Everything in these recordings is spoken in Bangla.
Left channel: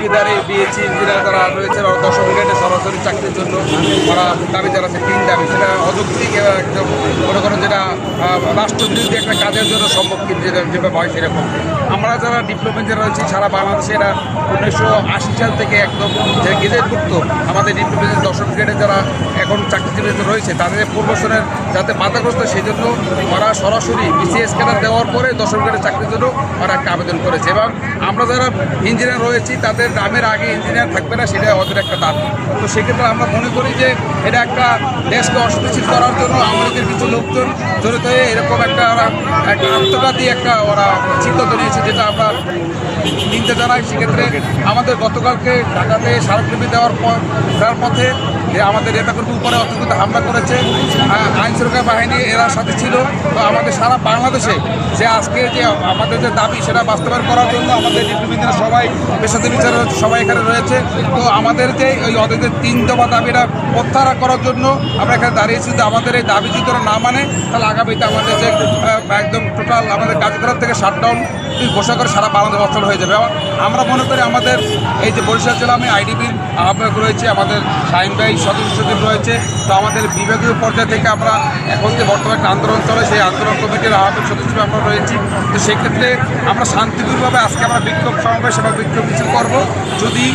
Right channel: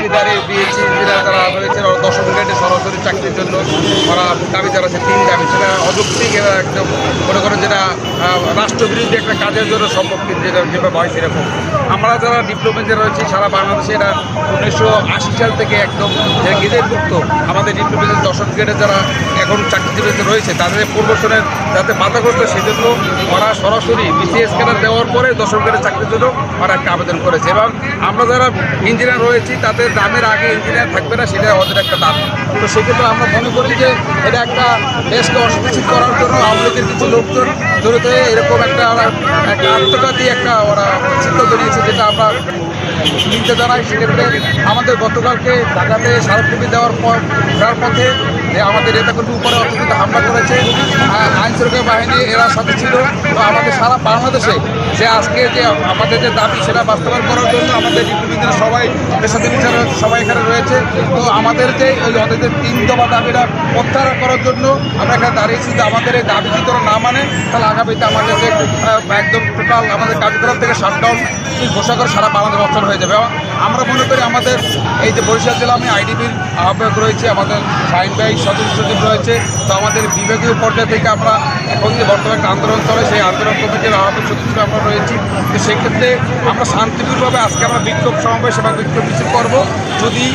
ডিগ্রিধারী বিএসসি ইঞ্জিনিয়ার যারা রয়েছে ওরা দশম গ্রেডে সরাসরি চাকরির জন্য ওরা দাবি জানাচ্ছে তিন দাবি। সেটা অযৌক্তিক একদম মনে করেন যেটা রাষ্ট্রবিরোধী একটা কাজের জন্য সম্মুখীন যেটা যেভাবে হয় সেরকম। আমরা যারা ডিপ্লোমা যে রয়েছি, সারা বাংলাদেশে এরা উনিশশো আশি সাল থেকে একদম গেজেটভুক্ত আমাদের ডিপ্লোমেন্টের দশম গ্রেডে যারা এখন চাকরিজীবীতে রয়েছে, তাদের প্রমোশনের যাতে বাধাগ্রস্ত সেই জন্য ওরা সরাসরি বিসিএস ক্যাডার দেওয়ার পরে দশম গ্রেডের চাকরির জন্য ওরা একটা আবেদন করেছে। এবং আমরা যারা ইঞ্জিনিয়ার রয়েছি, তাদের দামের আগে ইঞ্জিনিয়ার থাকবে না সেটা ওদের একটা দাম। তো সেক্ষেত্রে আমরা মনে করি যে এটা একটা দেশকে অস্থিতিশীল করার জন্য লীগের কিছু লোকজন জড়িত হয়ে এরকম একটা একটা আত্মঘাতী একটা ওরা সিদ্ধান্ত নিয়েছে যেটা আমরা নিতে জানাই। সেক্ষেত্রে আমাদের গতকালকে ঢাকাতে স্মারকলিপি দেওয়ার পর দেওয়ার পথে যে আমাদের নেতাকর্মীর উপরে অত্যন্ত হামলা করেছে আইন সুরক্ষা বাহিনী এরা সাথে ছিল। তো আমাদের সারা বাংলাদেশে যে আজকে যে আমাদের যে দাবি, সেটা বাস্তবায়ন করার জন্য আমাদের ডিপ্লোমেন্টের সবাই পেশাতে বিচার সবাই এখানে রয়েছে। তো আমাদেরকে এই ওদের যে তিন দফা দাবিটা প্রত্যাহার করার জন্য আমরা এখানে দাঁড়িয়েছি। যে আমাদের এই দাবি যদি না মানে তাহলে আগামীতে আমাদের যে একদম টোটাল আমাদের কার্যক্রম থেকে শাটডাউন ঘোষণা করে সারা বাংলাদেশ অচল হয়ে যাবে। আমরা মনে করি আমাদের এই যে বরিশাল জেলা আমি আইডিবির আহ্বায়ক রয়েছে, আমাদের শাহিন ভাই সদস্য সচিব রয়েছে, তো আমাদের বিভাগীয় পর্যায় থেকে আমরা এখন যে বর্তমানে আন্দোলন চলে, সেই আন্দোলন কমিটির আহ্বায়ক সদস্য আমরা রয়েছি তো সেক্ষেত্রে আমরা শান্তিপূর্ণভাবে আজকে আমরা বিক্ষোভ সমাবেশ এবং বিক্ষোভ মিছিল করব যদি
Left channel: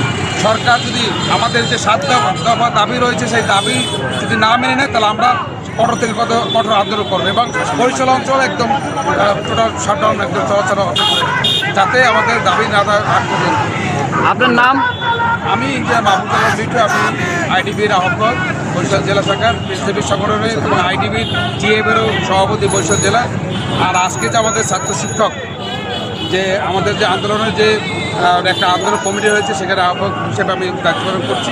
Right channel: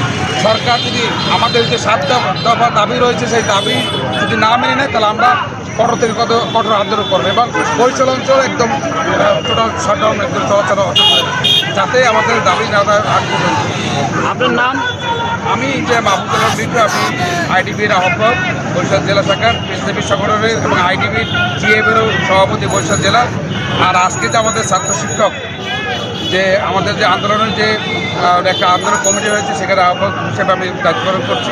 সরকার যদি আমাদের যে সাত দফা দাবি রয়েছে, সেই দাবি যদি না মেনে নেয়, তাহলে আমরা কঠোর থেকে কত কঠোর আন্দোলন করবে এবং বরিশাল অঞ্চল একদম টোটাল শাটডাউন একদম চলাচল যাতে আমাদের দাবি না। আমি যে মাহমুদুল্লাহ বিটু আমি আইডিবির আহ্বায়ক বরিশাল জেলা শাখার বিজেপি সংগঠনের এবং আইডিবির জিএমেরও সভাপতি বরিশাল জেলা। আর আজকে যে আমাদের ছাত্র শিক্ষক, যে আমাদের যে আন্দোলনের যে একটা আন্দোলন কমিটি রয়েছে, সেখানে আহ্বায়ক হিসেবে আমি দায়িত্ব করছি।